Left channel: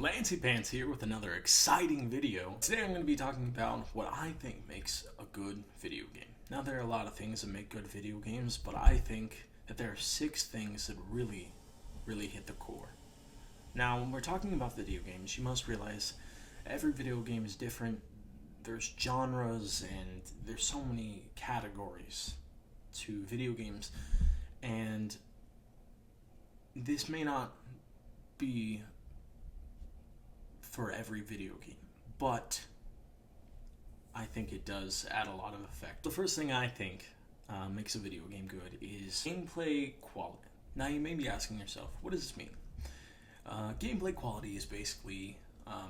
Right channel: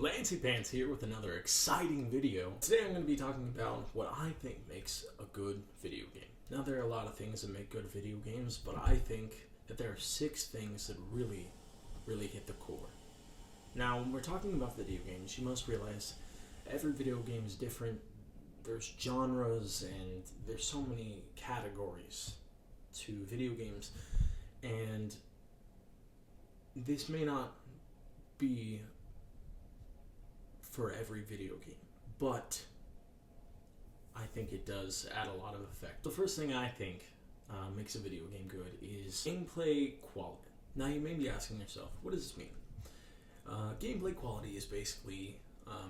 LanceyPants here with another exciting video. Today I'm going to be talking about what I think makes a good video game. Now there are a lot of things that make good video games, but I think that there are 6 things that really hit the core. Now when we're talking about video games, you must realize every video game is different. There's genres and there's so many categories to video games, and this may not be for every video game, but I think it does add a lot of effect. The first thing I think makes a video game good is gameplay quality. Now you may be asking yourself, what does this mean? Gameplay quality is basically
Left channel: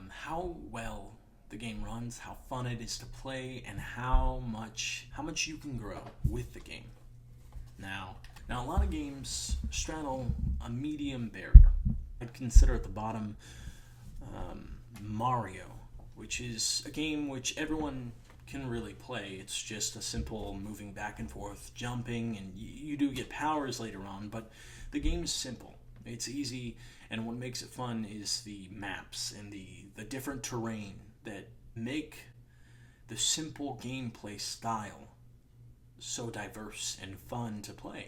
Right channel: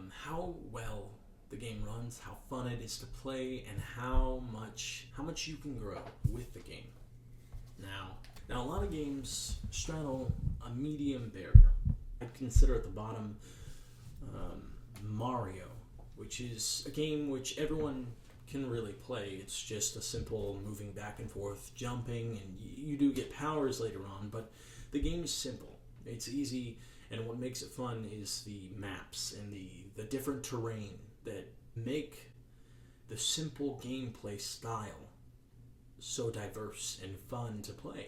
how well the game runs, how fun it is to play, and how much you can grow with the game. Now a lot of games straddle a medium barrier. I'd consider at the bottom Mario, which is a game which everyone can really play. It's just a simple moving back and forth, jumping, and you do get powers later on, but the game is simple. It's easy, and what makes it fun is the maps and the different terrain that make the simple gameplay style so diverse and fun to play.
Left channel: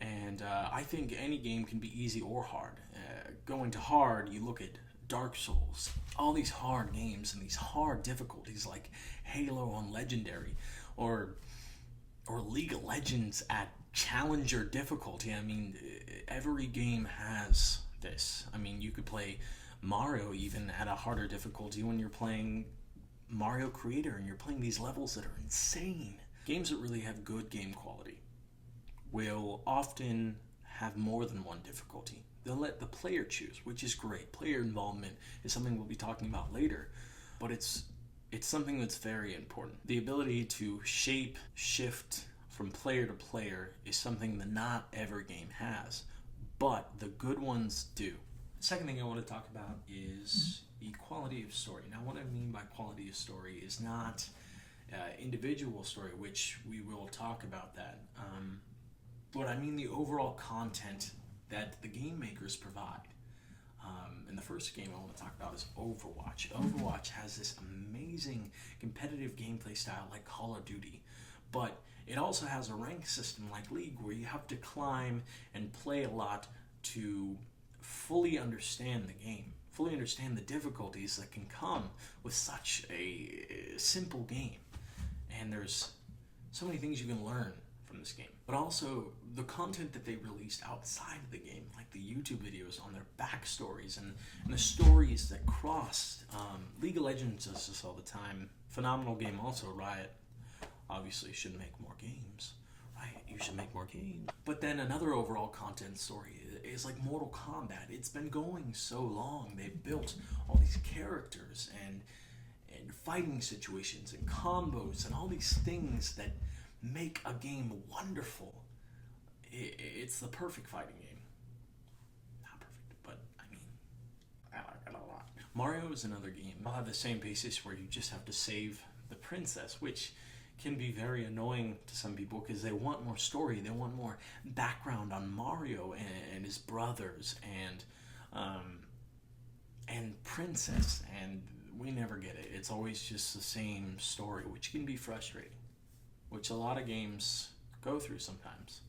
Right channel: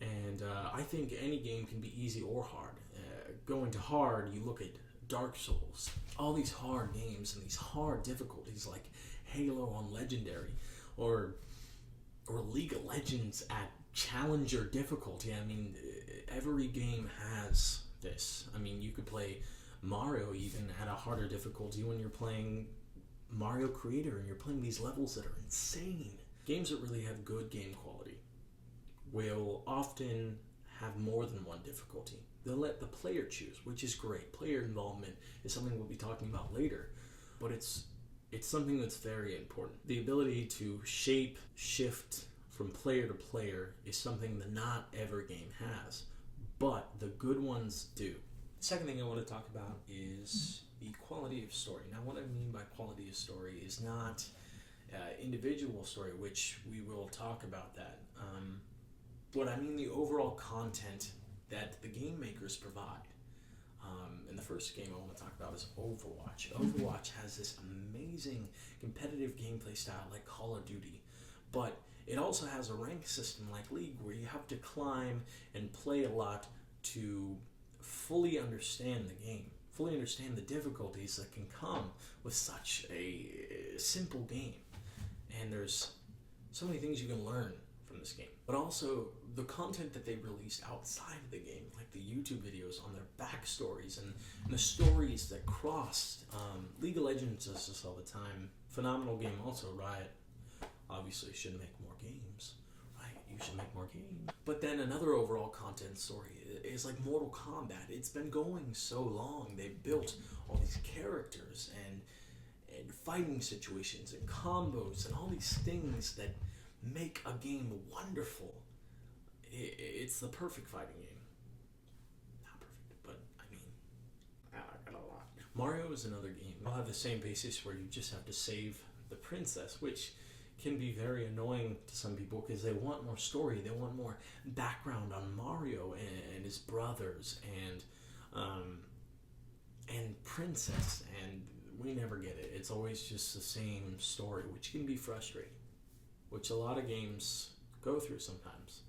And I think any game can be easy or hard. Going to hard, you look at Dark Souls, all these hard games and these hard difficulties like Halo on Legendary, or League of Legends at Challenger difficulty. I mean, every game has this. I mean, you could play Mario even at a harder difficulty when you're playing Mario Creator and you're playing these levels that are insane. Games that really have good game quality will often have more than one difficulty. They'll let the player choose, which is great. Player involvement is something we'll be talking about later, but it's something that's very important. The ability to shift from player to player is something that not every game has, but the good ones do. The second thing I want to talk about is the quality of story. Now what I mean by quality of story is not individual story, which we will talk about that. But I mean the overall content that the game makers provide. And the first game I want to talk about is Overwatch. Overwatch has this amazing competitive gameplay style like Call of Duty, but it also has a rank system like League where you have to climb and play a lot to fully understand the game, fully understand the difficulties that can come with such a simple game. And there's so many things you can learn from this game, but also the content that they released outside of the game, like the YouTube videos on their backstories and the stories that crossed. League of Legends does this all the time. Phenomenal game also. Riot obviously should make more games. Riot, you should make more games. But then another overall content story is like Mortal Kombat. It's been going so long. They've built all these characters and fighting situations and combos and all these things that make a game wonderful. It's the perfect fighting game. Not perfect, but I mean, I like it a lot. Mario is another game. I'll have the same basis where you just have to save the princess, which can be very annoying to some people because they want more story, they want more background on Mario and his brothers and Princess, and we never get it. It's always just the same story, which can be frustrating, which a lot of games go through sometimes.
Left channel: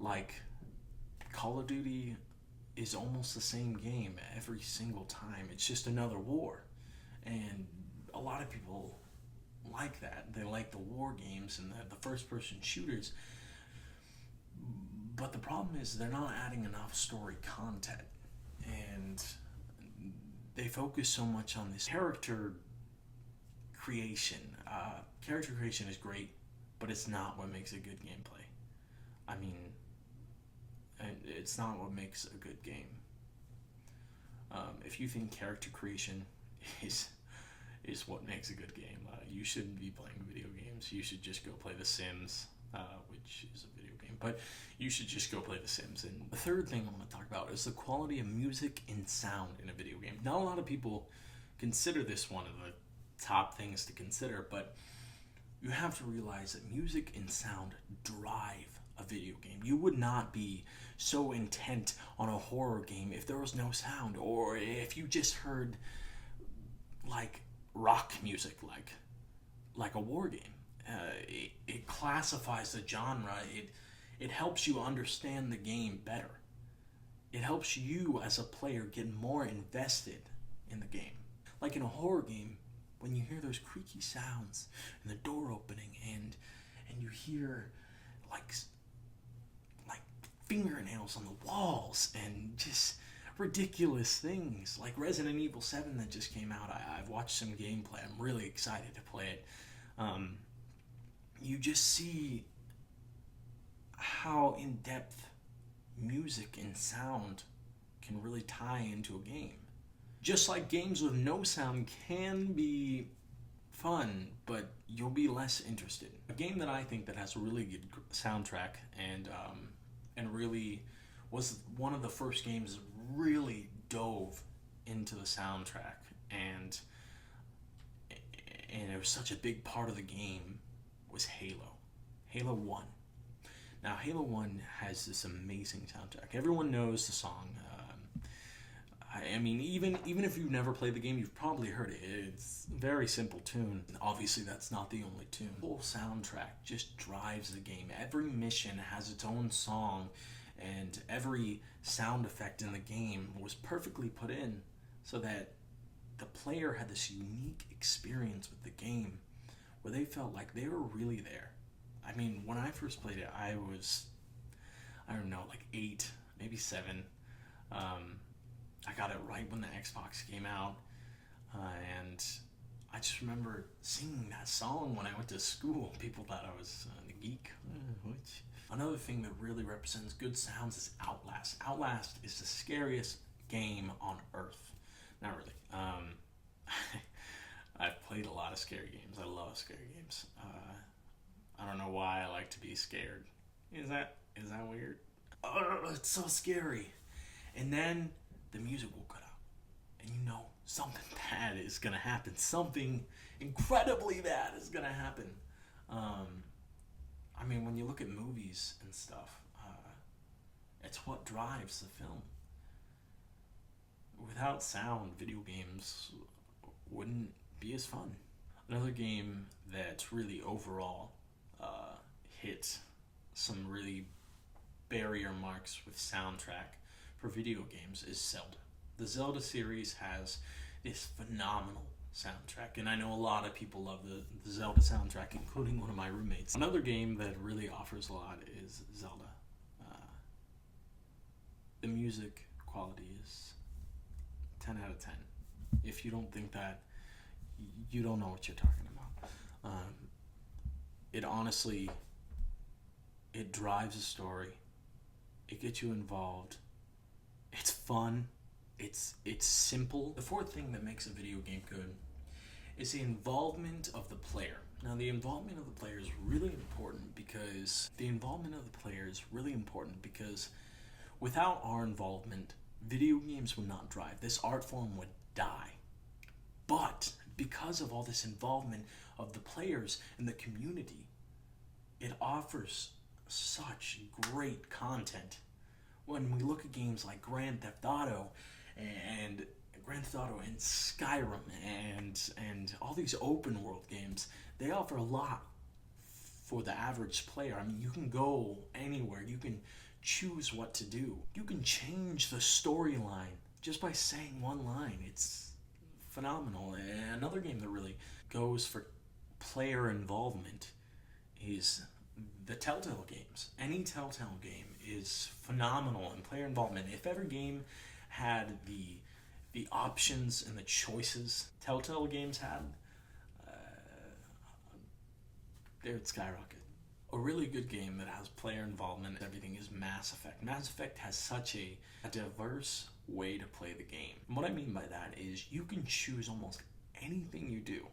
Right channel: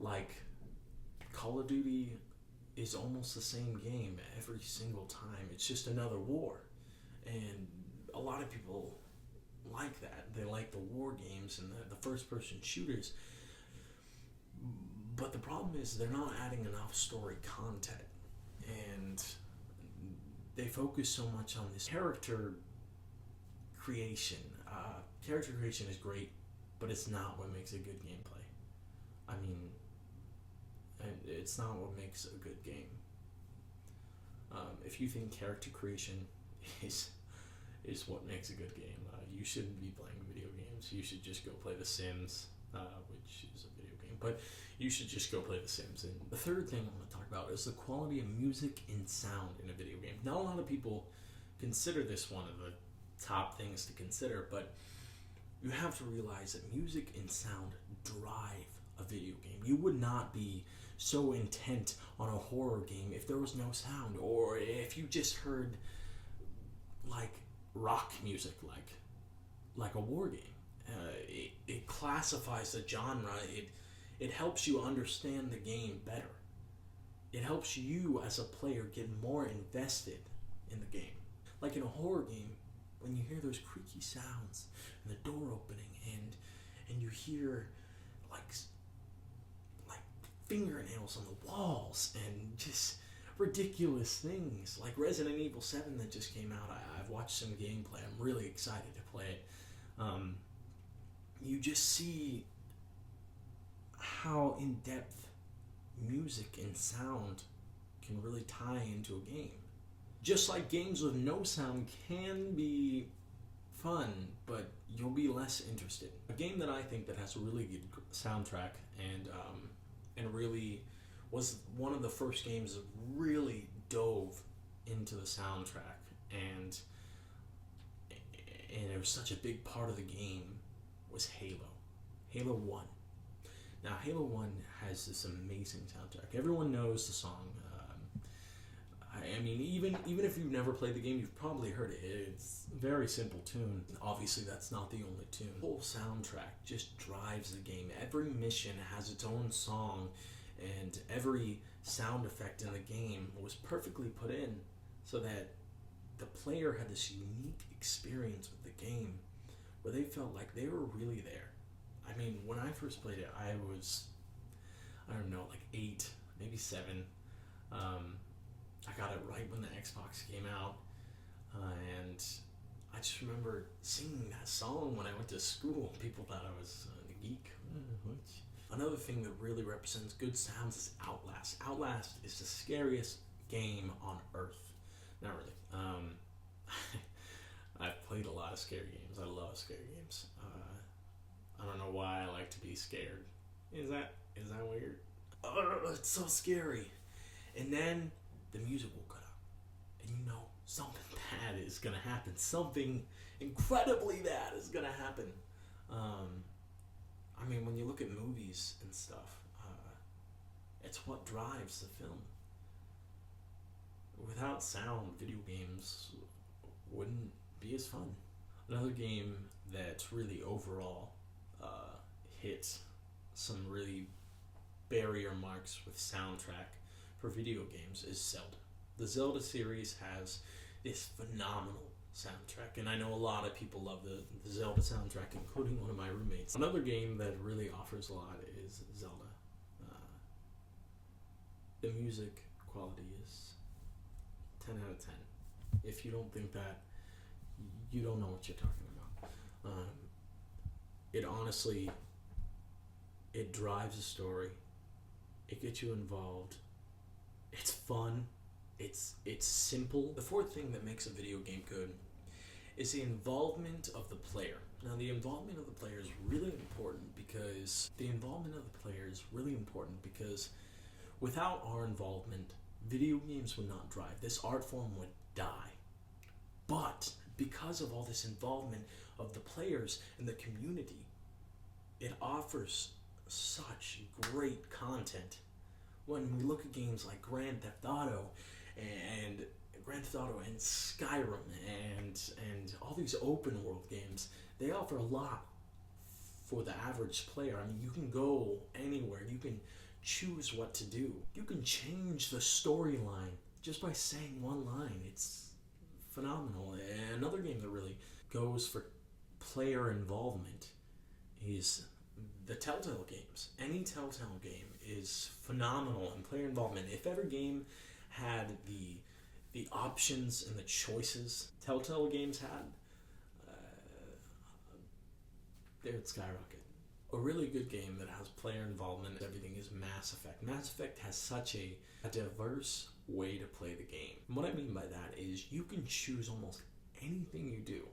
Like Call of Duty is almost the same game every single time. It's just another war, and a lot of people like that. They like the war games and the first-person shooters, but the problem is they're not adding enough story content, and they focus so much on this character creation. Character creation is great, but it's not what makes a good gameplay. I mean, it's not what makes a good game. If you think character creation is what makes a good game, you shouldn't be playing video games. You should just go play The Sims, which is a video game, but you should just go play The Sims. And the third thing I want to talk about is the quality of music and sound in a video game. Not a lot of people consider this one of the top things to consider, but you have to realize that music and sound drive a video game. You would not be so intent on a horror game if there was no sound, or if you just heard like rock music, like a war game. It classifies the genre. It helps you understand the game better. It helps you as a player get more invested in the game. Like in a horror game, when you hear those creaky sounds and the door opening, and you hear like fingernails on the walls and just ridiculous things like Resident Evil 7 that just came out. I've watched some gameplay. I'm really excited to play it. You just see how in-depth music and sound can really tie into a game. Just like games with no sound can be fun, but you'll be less interested. A game that I think that has a really good soundtrack and really was one of the first games that really dove into the soundtrack, and it was such a big part of the game, was Halo 1. Now, Halo 1 has this amazing soundtrack. Everyone knows the song. I mean, even if you've never played the game, you've probably heard it. It's a very simple tune. Obviously, that's not the only tune. The whole soundtrack just drives the game. Every mission has its own song, and every sound effect in the game was perfectly put in so that the player had this unique experience with the game where they felt like they were really there. I mean, when I first played it, I was, I don't know, like 8, maybe 7. I got it right when the Xbox came out, and I just remember singing that song when I went to school. People thought I was a geek. Another thing that really represents good sounds is Outlast. Outlast is the scariest game on Earth. Not really. I've played a lot of scary games. I love scary games. I don't know why I like to be scared. Is that weird? It's so scary. And then the music will cut out, and you know something bad is gonna happen. Something incredibly bad is gonna happen. I mean, when you look at movies and stuff, it's what drives the film. Without sound, video games wouldn't be as fun. Another game that's really overall hit some really barrier marks with soundtrack for video games is Zelda. The Zelda series has this phenomenal soundtrack, and I know a lot of people love the Zelda soundtrack, including one of my roommates. Another game that really offers a lot is Zelda. The music quality is 10 out of 10. If you don't think that, you don't know what you're talking about. It honestly, it drives a story. It gets you involved. It's fun. It's simple. The fourth thing that makes a video game good is the involvement of the player. Now, the involvement of the player is really important because without our involvement, video games would not drive. This art form would die. But because of all this involvement of the players and the community, it offers such great content. When we look at games like Grand Theft Auto and Skyrim and all these open world games, they offer a lot for the average player. I mean, you can go anywhere. You can choose what to do. You can change the storyline just by saying one line. It's phenomenal. And another game that really goes for player involvement is the Telltale games. Any Telltale game is phenomenal in player involvement. If every game had the options and the choices Telltale games had, they would skyrocket. A really good game that has player involvement and everything is Mass Effect. Mass Effect has such a diverse way to play the game. And what I mean by that is you can choose almost anything you do.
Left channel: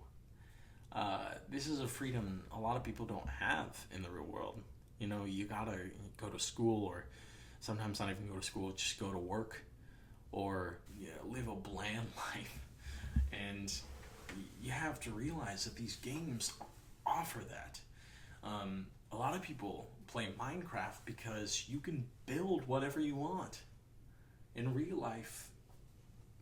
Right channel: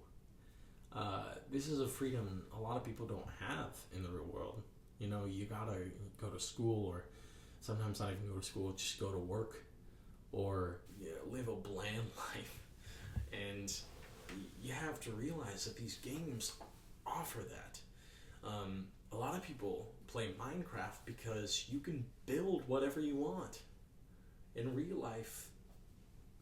This is a freedom a lot of people don't have in the real world. You know, you gotta go to school, or sometimes not even go to school, just go to work, or live a bland life. And you have to realize that these games offer that. A lot of people play Minecraft because you can build whatever you want. In real life,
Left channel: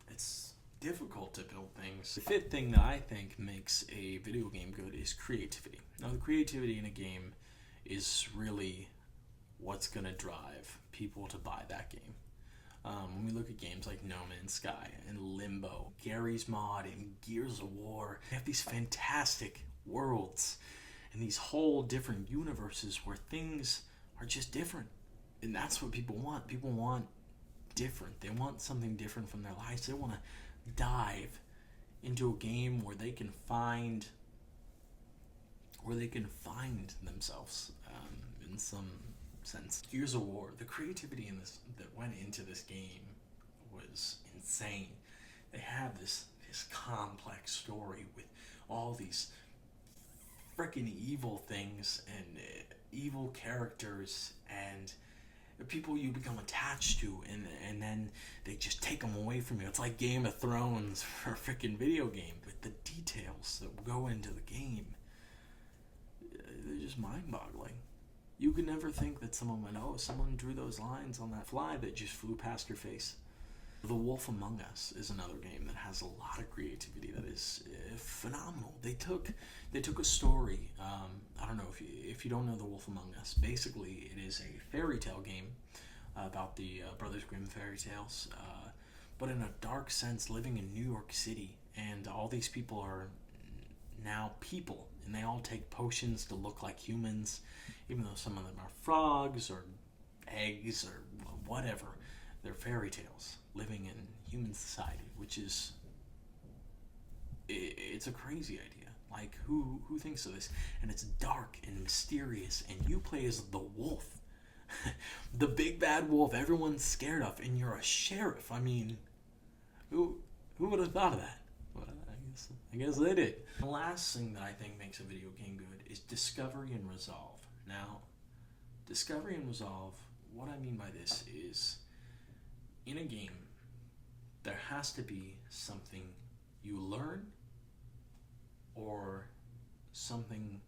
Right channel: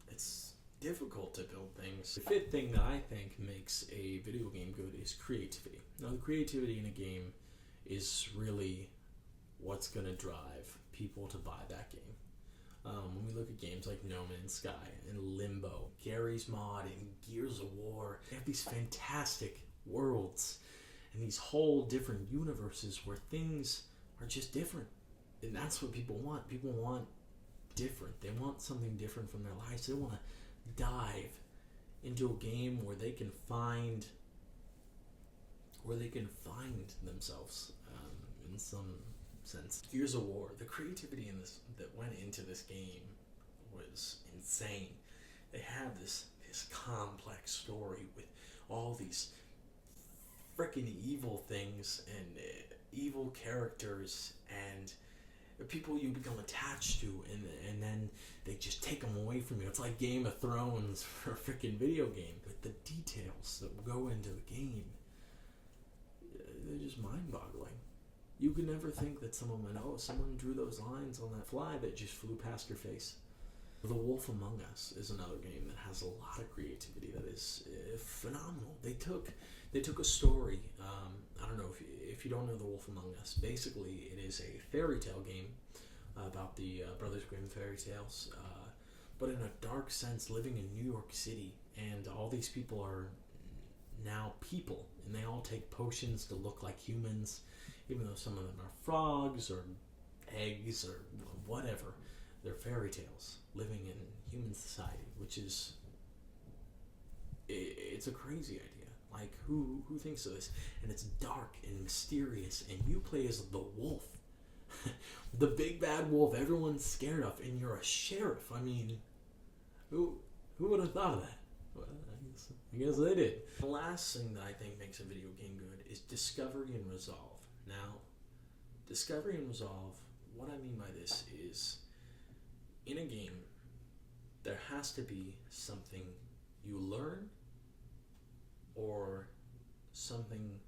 it's difficult to build things. The fifth thing that I think makes a video game good is creativity. Now, the creativity in a game is really what's going to drive people to buy that game. When we look at games like No Man's Sky and Limbo, Gary's Mod, and Gears of War, they have these fantastic worlds and these whole different universes where things are just different. And that's what people want. People want different. They want something different from their lives. They want to dive into a game where they can find themselves in some sense. Gears of War, the creativity in this that went into this game was insane. They have this complex story with all these freaking evil things and evil characters and people you become attached to, and then they just take them away from you. It's like Game of Thrones for a freaking video game. But the details that go into the game, they're just mind-boggling. You could never think that someone drew those lines on that fly that just flew past your face. The Wolf Among Us is another game that has a lot of creativity that is phenomenal. They took a story. I don't know if you don't know The Wolf Among Us. Basically, it is a fairy tale game about the Brothers Grimm fairy tales, but in a dark sense, living in New York City, and all these people are now people, and they all take potions to look like humans, even though some of them are frogs or eggs or whatever. They're fairy tales living in human society, which is it's a crazy idea. Like, who thinks of this? And it's dark and mysterious, and you play as the wolf, the big bad wolf everyone's scared of, and you're a sheriff. I mean, who would have thought of that? Well, I guess they did. The last thing that I think makes a video game good is discovery and resolve. Now, discovery and resolve, what I mean by this is, in a game, there has to be something you learn or something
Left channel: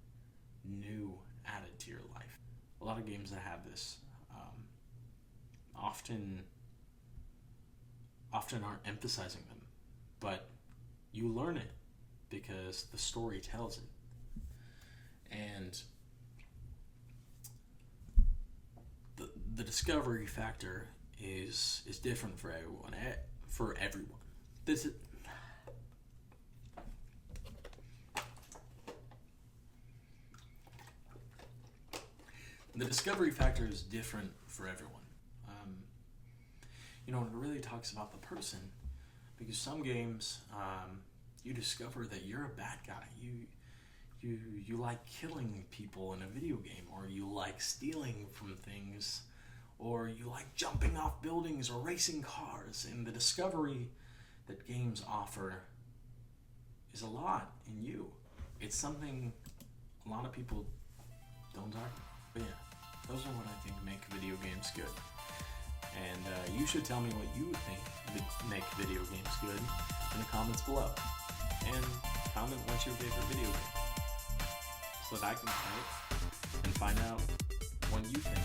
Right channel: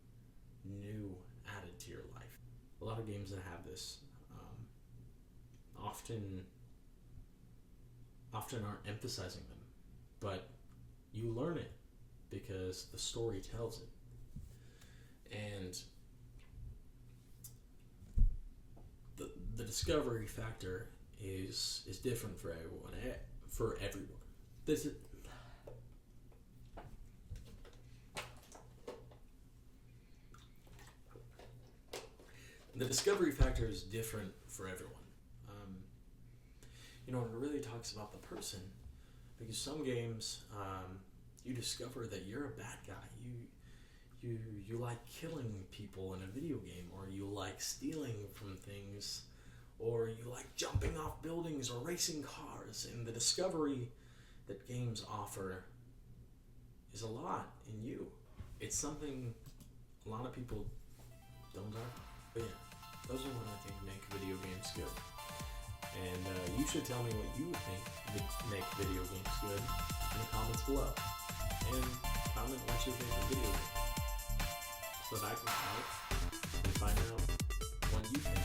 new added to your life. A lot of games that have this often aren't emphasizing them, but you learn it because the story tells it. And the discovery factor is different for everyone. The discovery factor is different for everyone. It really talks about the person, because some games you discover that you're a bad guy. You like killing people in a video game, or you like stealing from things, or you like jumping off buildings or racing cars. And the discovery that games offer is a lot in you. It's something a lot of people don't talk about. But yeah, those are what I think make video games good. And you should tell me what you think make video games good in the comments below. And comment what's your favorite video game, so that I can try it and find out what you think.